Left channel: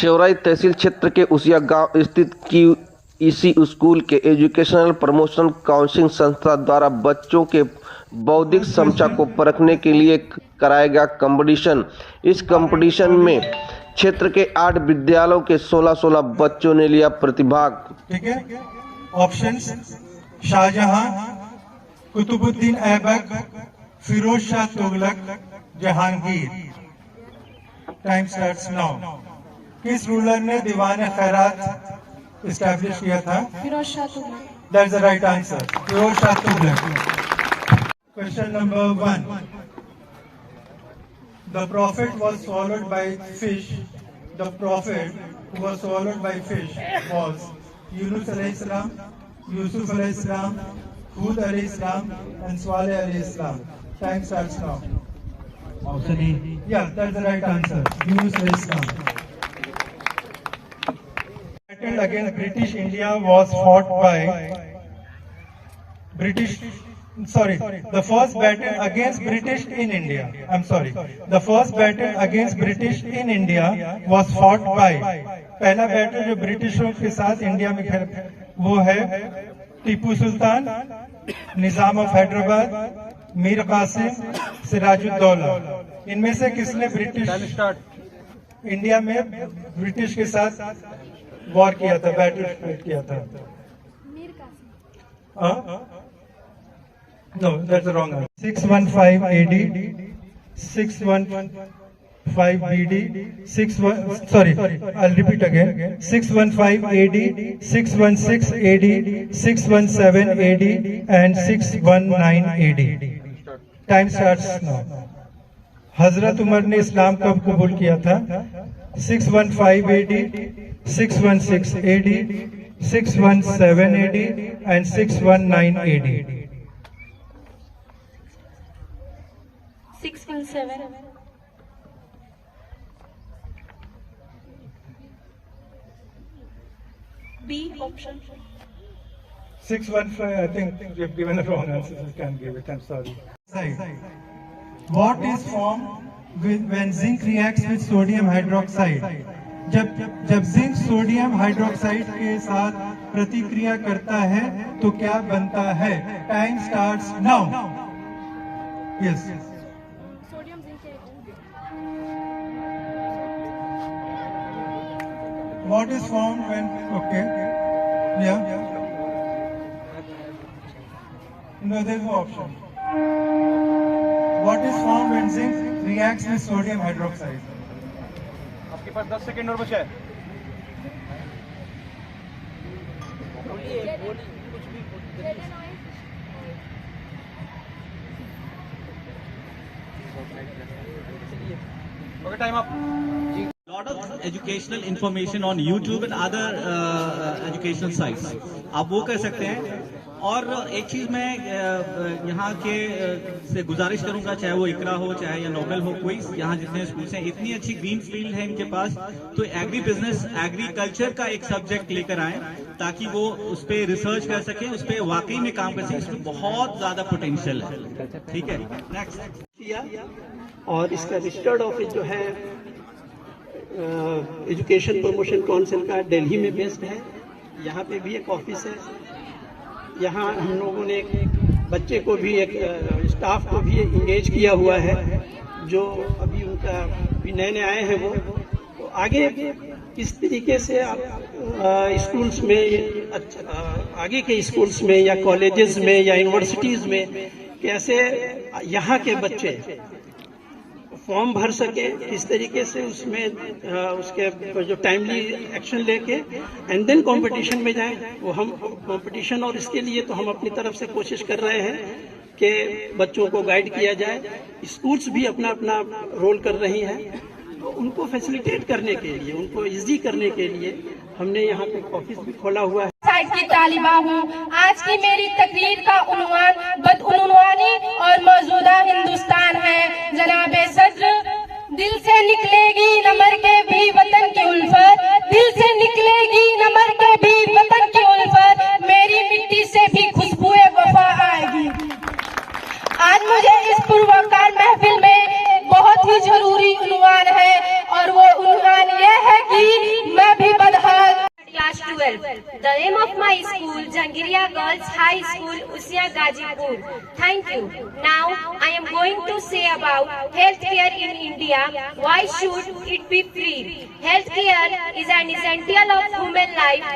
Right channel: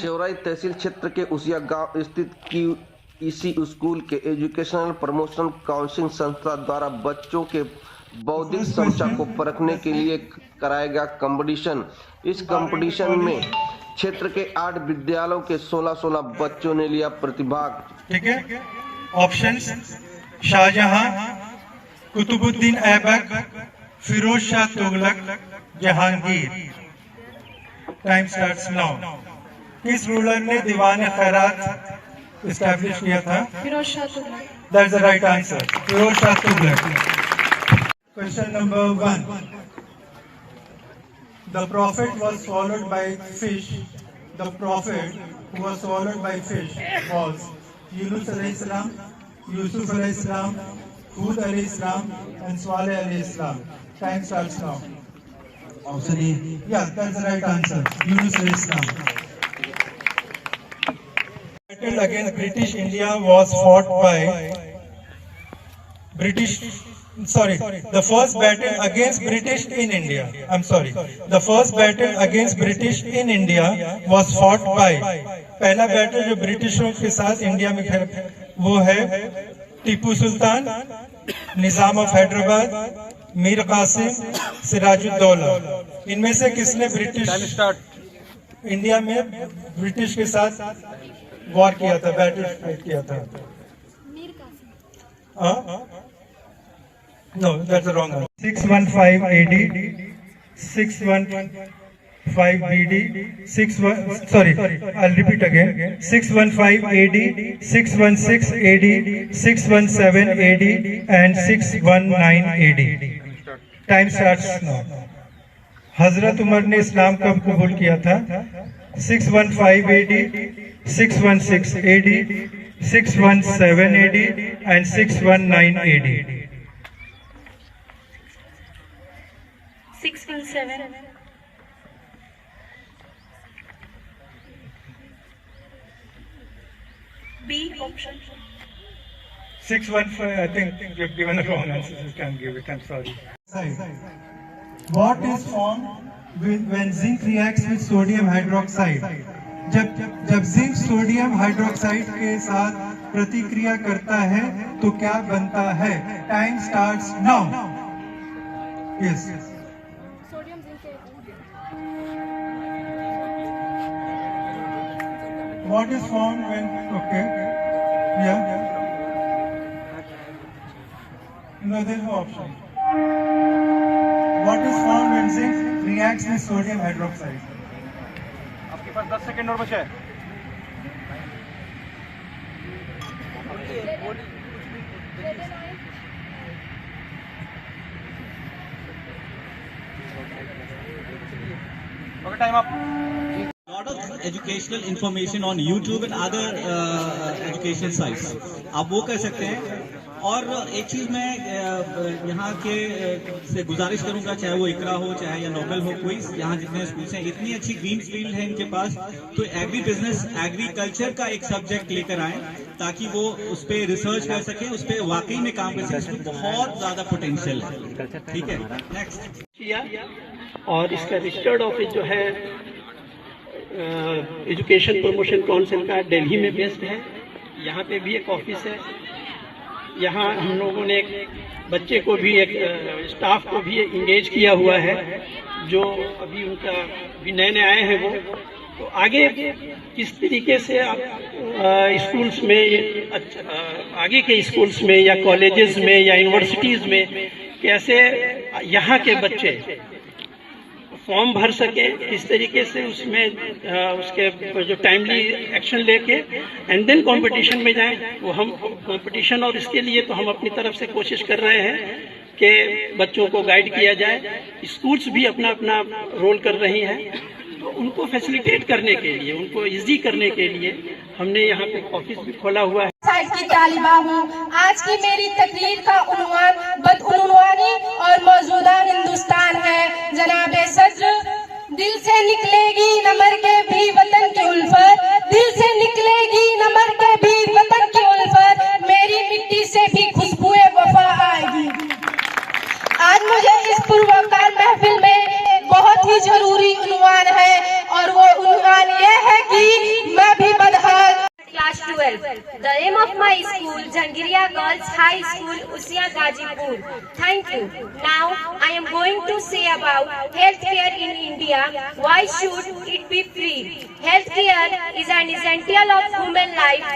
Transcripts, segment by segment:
शेवराई तहसील क्षेत्र के उसिया गांव स्थित इसी स्कूल के एजुकेशनल प्रमोशन काउंसिलिंग संस्था द्वारा बच्चों के बौद्धिक क्षमता को परखने के लिए कराया गया कंपटीशन। इस कंपटीशन में क्षेत्र के 8 विद्यालयों के 16 बच्चों ने लिया प्रतिभाग। ठीक है, options Shahjahan, Qutubuddin Aibak, Firoz Shah Tughlaq, Jahangir. Time starts now. किस रूलर ने दीवान खैरात इस्टेब्लिश किया था? Firoz Shah Tughlaq. That's the right answer, Firoz Shah Tughlaq. Question number 1. The prophet was swallowed by fish. The prophet who was swallowed by fish was Yunus alayhi salam, Yusuf alayhi salam, Hud alayhi salam, and Saleh alayhi salam. Time starts now. Option A. Yeah, that's the right answer. Yunus alayhi salam. Battle against British India was fought by the first battle against British in India. The first battle against British in India was fought by, पहला battle जो ब्रिटिशों के साथ India में वो है टीपू सुल्तान, निजाम of Hyderabad, Mir Qasim, Siraj-ud-Daulah. इनमें से किसने ब्रिटिश इंडिया में ब्रिटिश के साथ वॉर किया था, बैटल किया था? Mir Qasim. No, that's the wrong answer. 615 AD, 615 BD, I'll repeat again. 615 AD, 616 AD, 617 AD, and 619 AD. Time starts now. हजरत उमर ने इस्लाम कब कबूल किया था? 615 AD, 616 AD, 617 AD, and 619 AD. 617. B option. 615. I think you've given a wrong answer. You can't give it. I'm sorry. What is formed when zinc reacts with sodium hydroxide? जब zinc sodium hydroxide के साथ प्रतिक्रिया करता है तो क्या बनता है? Time starts now. Yes. Sodium zinc. What is formed when? Okay. Yeah. No, there is no option. What is formed when zinc reacts with sodium hydroxide? आपके पास 10 सेकंड और बचा है. Okay, time up. Lot of educational information on YouTube and other educational sites. आप वो कर सकते हैं. और एक चीज मैं यहाँ के से गुजारिश करूंगा, चाहे वो इकरा हो चाहे या नोबेल हो, कोई यहाँ जितने स्कूल्स हैं, इतनी अच्छी ग्रीन फील्ड है इनके पास, तो एग्री बिजनेस एग्रीकल्चर का एक सब्जेक्ट लेकर आए ताकि वो उस पर रिसर्च कर सके, उस पर वाकई में काम कर सके. इसमें बहुत ज्यादा पोटेंशियल है. ठीक है, नेक्स्ट. और इसका रजिस्टर्ड ऑफिस जो है एजुकेशन प्रमोशन काउंसिल का दिल्ली में बेस्ड है. यहाँ पे भी एक ऑफिस है. यहाँ हम लोगों ने एक बच्चे को भी, एक स्टाफ को भी इंगेज किया हुआ है जो अभी उनका भी नए आए हैं. वो तो आगे किस तरीके से आप स्कूल्स में, आगे के स्कूल्स में या कॉलेजेस में या यूनिवर्सिटीज़ में कैसे यहाँ के बच्चे फॉर्म भर सके, इस तरीके से उसमें उसके जो टाइमली एक्शन लेके एंड देन कंपटीशन में जाएं, वो हम कंपटीशन, और इसके लिए तो हम अपनी तरफ से कोशिश कर रहे हैं कि बच्चों को गाइड किया जाए. स्कूल्स भी अपना अपना रोल कर रही हैं, तो उनको फैसिलिटेट करने के लिए, उनको इजी करने के लिए हमने यहाँ पे ऑफिस भी खोला हुआ है. की तालिबा हूँ. आज की मेरी तकरीर का उन्वान बदउनवानी और मौजूदा हिंदुस्तान है. जनाबे सद्र, दिल से निकलेगी न मर के भी वतन की उल्फत, दिल से निकलेगी न मर के भी वतन की उल्फत, मेरी मिट्टी से भी खुशबुए वफा आएगी. आज मुझे इस पुरवकार महफिल में बहुत ही जरूरी उन्वान है, और वो उन्वान ये है कि 12. The name of my school, Jangiriya Girls High School, Usia Gazipur. Thank you. Now I am going to say about healthcare in India. Why should it be free? Healthcare is an essential of human life,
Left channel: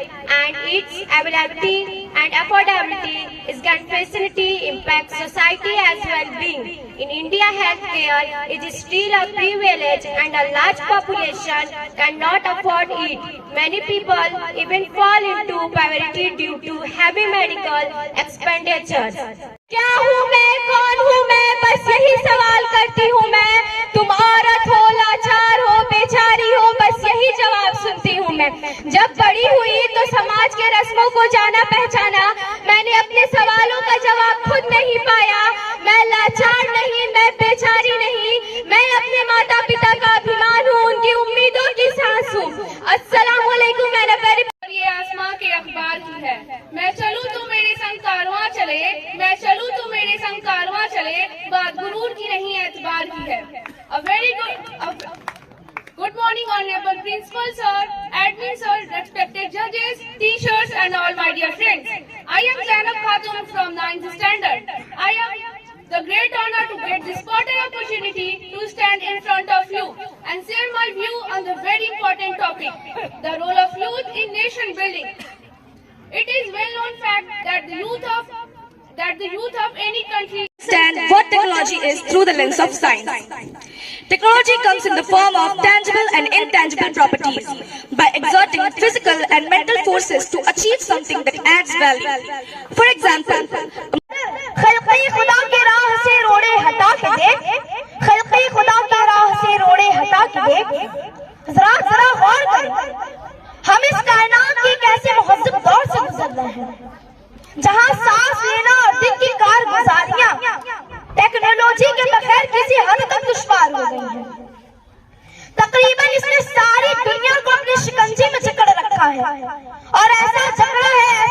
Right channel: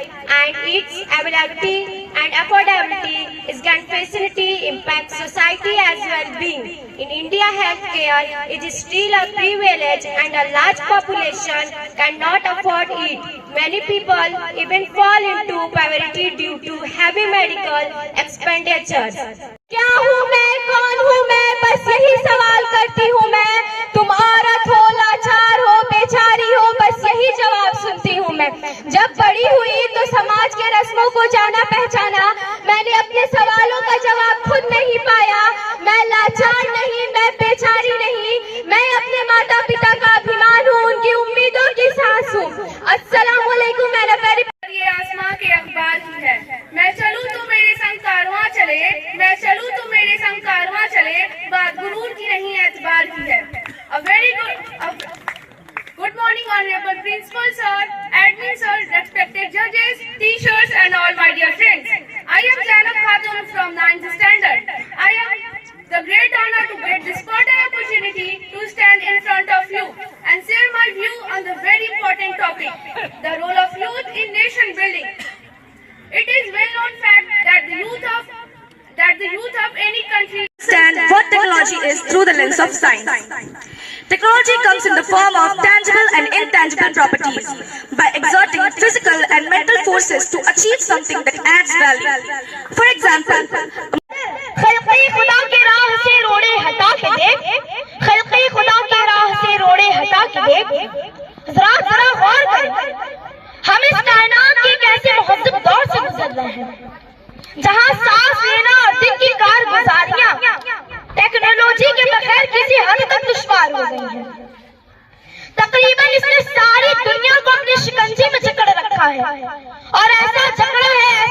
and its availability and affordability is can facility impact society as well-being. In India, healthcare is still a privilege, and a large population cannot afford it. Many people even fall into poverty due to heavy medical expenditures. क्या हूँ मैं, कौन हूँ मैं, बस यही सवाल करती हूँ मैं। तुम औरत हो, लाचार हो, बेचारी हो, बस यही जवाब सुनती हूँ मैं। जब बड़ी हुई तो समाज के रस्मों को जाना पहचाना, मैंने अपने सवालों का जवाब खुद नहीं पाया। मैं लाचार नहीं, मैं बेचारी नहीं, मैं अपने माता पिता का अभिमान हूँ, उनकी उम्मीदों की सांस हूँ। अस्सलाम वालेकुम। मैंने पहले ये आसमां के अखबार की है। मैं चलूं तो मेरे संग कारवां चले, मैं चलूं तो मेरे संग कारवां चले, बात गुरूर की नहीं एतबार की है। A very good morning, honorable principal sir, admin sir, respected judges, teachers and all my dear friends. I am Zainab Khatun from 9th standard. I am the great honor to get this fertile opportunity to stand in front of you and share my view on the very important topic, the role of youth in nation building. It is well known fact that the youth of any country understand what technology is through the lens of science. Technology comes in the form of tangible and intangible properties by exerting physical and mental forces to achieve something that adds value. For example, खल्क़े खुदा के राह से रोड़े हटा के देख, खल्क़े खुदा के राह से रोड़े हटा के देख, जरा गौर कर, हम इस कायनात की कैसे मुहज़्ज़ब दौर से गुजर रहे हैं, जहाँ सांस लेना और दिन की कारगुजारियां टेक्नोलॉजी के बगैर किसी हद तक दुश्वार हो गई है। तकरीबन इसने सारी दुनिया को अपनी शिकंजी में जकड़ रखा है, और ऐसा जकड़ा है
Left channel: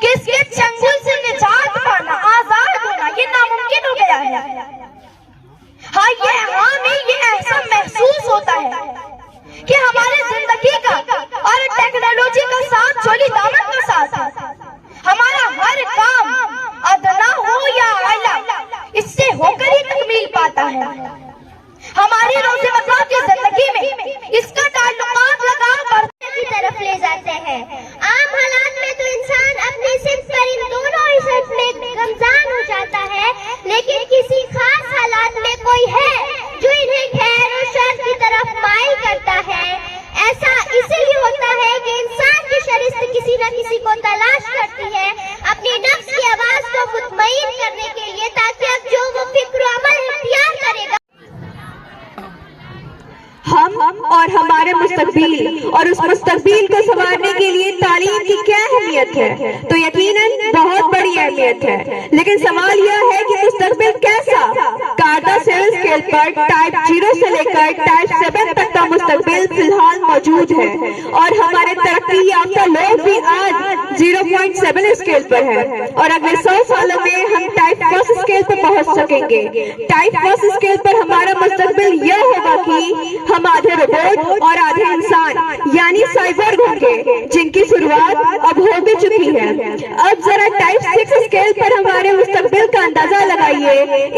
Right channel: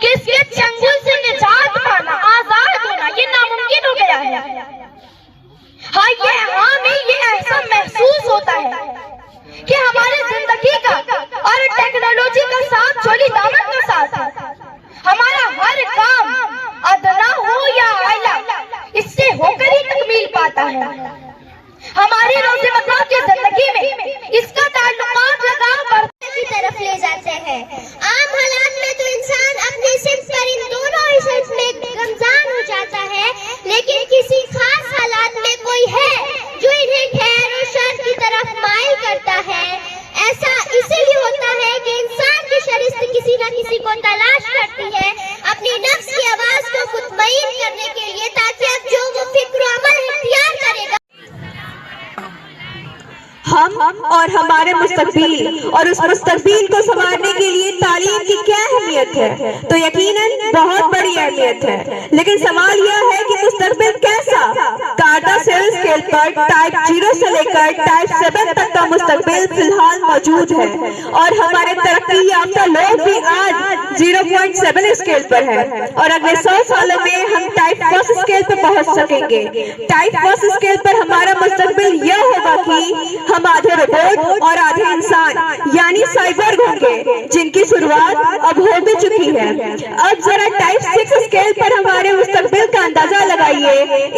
कि इसके चंगुल से निजात पाना, आजाद होना ये नामुमकिन हो गया है। हमें ये ऐसा महसूस होता है कि हमारी जिंदगी का और टेक्नोलॉजी का साथ चोली दामन का साथ है। हमारा हर काम अदना हो या आला इससे होकर ही तकमील पाता है। हमारी रोज़मर्रा की जिंदगी में इसका ताल्लुकात लगाव बढ़ने की तरफ ले जाते हैं। आम हालात में तो इंसान अपने सिर्फ पर इन दोनों इशत में गमजान हो जाता है, लेकिन किसी खास हालात में कोई है जो इन्हें खैर और शर की तरफ माइल करता है। ऐसा इसीलिए होता है कि इंसान की शरीस्त किसी न किसी को तलाश करती है अपनी नफ्स की आवाज को मुतमईन करने के लिए, ताकि अब जो वो फिक्र अमल इख्तियार करेगा। हम और हमारे मुस्तकबिल और उस मुस्तकबिल को संवारने के लिए तालीम की क्या अहमियत है, तो यकीनन बहुत बड़ी अहमियत है। लेकिन सवाल यह है कि मुस्तकबिल कैसा? कादा सेल स्केल पर टाइप 0 से लेकर टाइप 7 तक का मुस्तकबिल फिलहाल मौजूद है, और हमारे तरक्की याफ्ता लोग भी आज 0.7 स्केल पर है, और अगले 100 सालों में हम टाइप 1 स्केल पर पहुंच सकेंगे। टाइप 1 स्केल पर हमारा मुस्तकबिल यह होगा कि हम आधे रोबोट और आधे इंसान यानी साइबोर्ग होंगे, जिनकी शुरुआत अब हो भी चुकी है। अब जरा टाइप 6 स्केल पर हमारे मुस्तकबिल का अंदाजा लगाइए,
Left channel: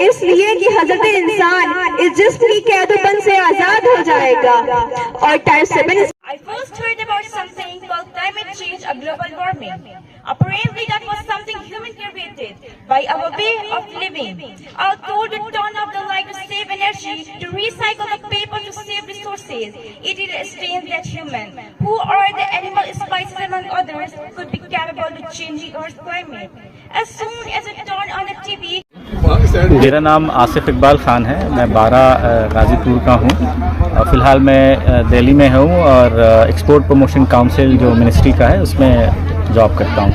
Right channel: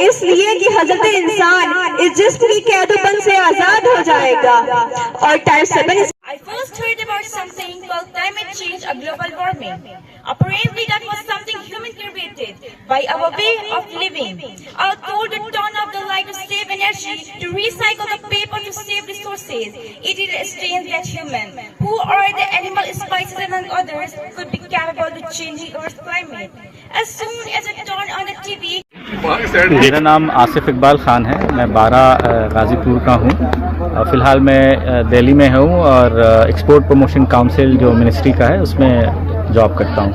इसलिए कि हजरत इंसान इस जिस्म की कैदोपन से आजाद हो जाएगा। और type 7 I first heard about something called climate change or global warming. Apparently that was something human created by our way of living. Our goal to turn off the light to save energy, to recycle the paper to save resources. It is strange that human, who are the animal species among others, could be capable of changing Earth's climate. As soon as it turned on the TV, मेरा नाम आसिफ इकबाल ख़ान है। मैं 12 गाज़ीपुर का हूँ। फ़िलहाल मैं दिल्ली में हूँ और एक्सपोर्ट प्रमोशन काउंसिल जो मिनिस्ट्री का है उसमें जॉब करता हूँ।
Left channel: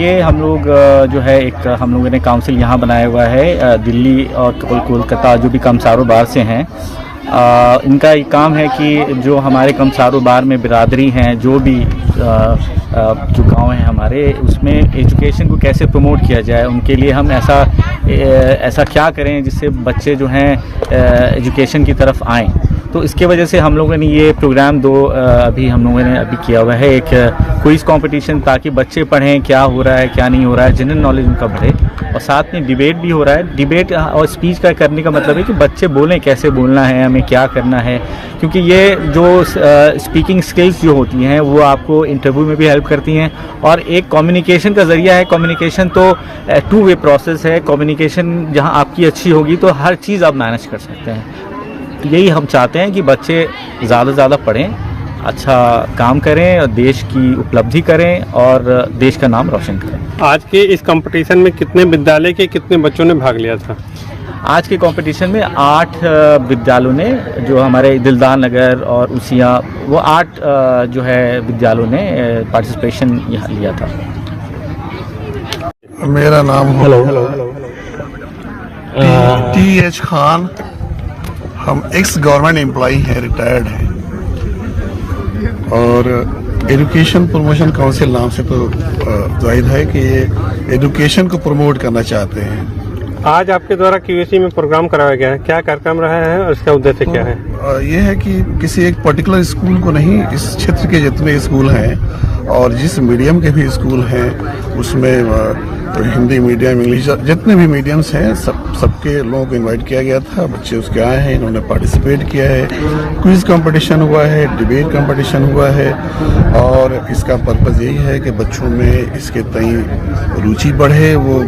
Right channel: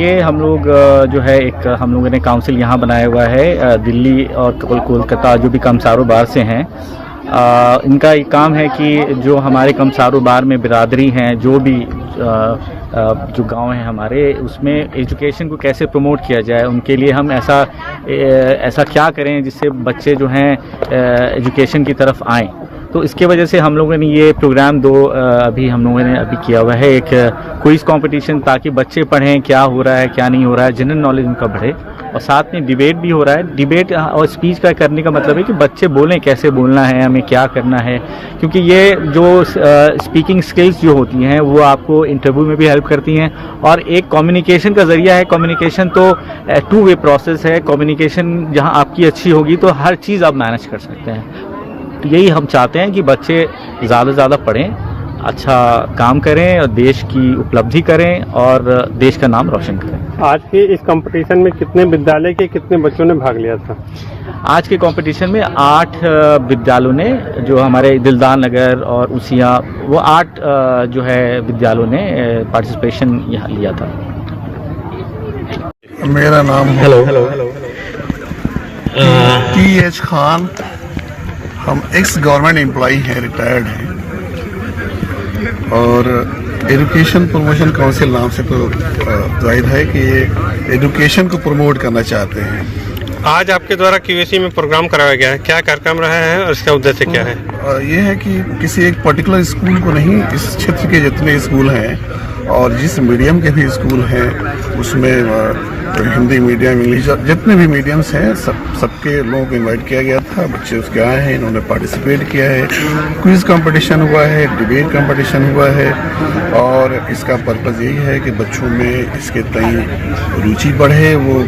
ये हम लोग जो है एक हम लोगों ने काउंसिल यहाँ बनाया हुआ है दिल्ली और कोलकाता जो भी कामसारों बार से हैं, इनका ये काम है कि जो हमारे कमसारो बार में बिरादरी हैं, जो भी जो गांव हैं हमारे, उसमें एजुकेशन को कैसे प्रमोट किया जाए, उनके लिए हम ऐसा क्या करें जिससे बच्चे जो हैं एजुकेशन की तरफ आएँ। तो इसके वजह से हम लोगों ने ये प्रोग्राम अभी हम लोगों ने अभी किया हुआ है, एक क्विज कंपटीशन, ताकि बच्चे पढ़ें क्या हो रहा है क्या नहीं हो रहा है, जनरल नॉलेज उनका बढ़े। और साथ में डिबेट भी हो रहा है। डिबेट और स्पीच का करने का मतलब है कि बच्चे बोलें कैसे बोलना है, हमें क्या करना है, क्योंकि ये जो स्पीकिंग स्किल्स जो होती हैं वो आपको इंटरव्यू में भी हेल्प करती हैं और एक कम्युनिकेशन का ज़रिया है। कम्युनिकेशन तो टू वे प्रोसेस है। कम्युनिकेशन जहाँ आपकी अच्छी होगी तो हर चीज़ आप मैनेज कर सकते हैं। यही हम चाहते हैं कि बच्चे ज़्यादा से ज़्यादा पढ़ें, अच्छा काम करें और देश की उपलब्धि करें और देश का नाम रोशन करें। आज के इस कंपटीशन में कितने विद्यालय के कितने बच्चों ने भाग लिया था? आज के कंपटीशन में 8 विद्यालयों ने, जो हमारे दिलदार नगर और उसिया, वो 8 जो है विद्यालयों ने पार्टिसिपेशन यहाँ लिया था। मेरा नाम TH खान। हम एक्स गवर्नमेंट एम्प्लॉई हैं, रिटायर्ड हैं, और एजुकेशन प्रमोशन काउंसिल नाम से तो जाहिर है कि ये एजुकेशन को प्रमोट करना चाहते हैं। आज आपके द्वारा QAC में प्रोग्राम कराया गया है, क्या कार्यक्रम रहा है और इसका उद्देश्य क्या है? ये है कि किसी एक पर्टिकुलर स्कूल को नहीं, इस क्षेत्र के जितने स्कूल हैं और जिस मीडियम के भी स्कूल हैं उसमें हिंदी मीडियम, इंग्लिश, जितने भी मीडियम्स हैं सबके लोगों को इनवाइट किया गया था। बच्चे उसके आए हैं, इन्होंने पार्टिसिपेट किया है। क्विज कंपटीशन हुआ है, डिबेट कंपटीशन हुआ है, और इसका पर्पज़ यही है कि बच्चों में इसके तई रुचि बढ़े, वो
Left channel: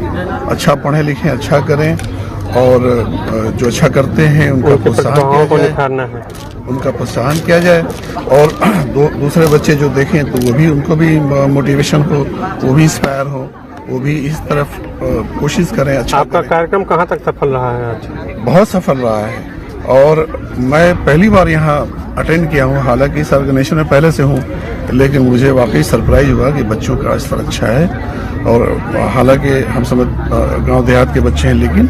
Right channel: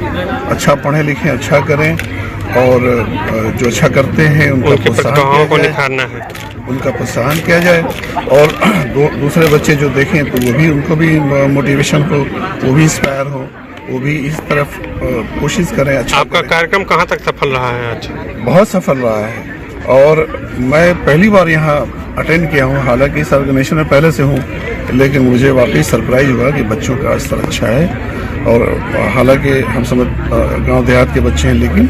अच्छा पढ़ें लिखें, अच्छा करें, और जो अच्छा करते हैं उनका प्रोत्साहन किया जाए, और दूसरे बच्चे जो देखें तो वो भी, उनको भी मोटिवेशन हो, वो भी इंस्पायर हो, वो भी इस तरफ कोशिश करें। अच्छा, आपका कार्यक्रम कहाँ तक सफल रहा है? आज बहुत सफल रहा है, और मैं पहली बार यहाँ अटेंड किया हूँ। हालांकि इस ऑर्गेनाइजेशन में पहले से हूँ, लेकिन मुझे वाकई सरप्राइज हुआ कि बच्चों का स्तर अच्छा है। और हालांकि हम समझ गांव देहात के बच्चे हैं, लेकिन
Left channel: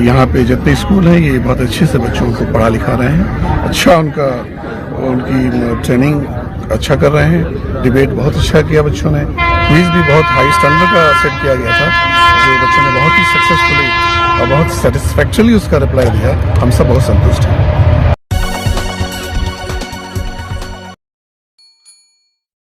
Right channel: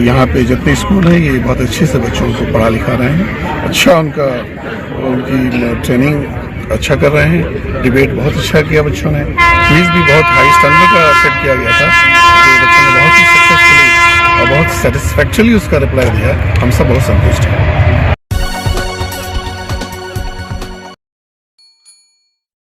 यहाँ पे जितने स्कूल हैं ये बहुत अच्छे से बच्चों को पढ़ा लिखा रहे हैं। अच्छा उनकी ट्रेनिंग अच्छा कर रहे हैं। डिबेट बहुत अच्छा किया बच्चों ने। क्विज भी बहुत हाई स्टैंडर्ड का सेट किया गया था, जो बच्चों ने बहुत ही सक्सेसफुली और बहुत सेटिस्फैक्चरली उसका रिप्लाई दिया। हम सब बहुत संतुष्ट हैं।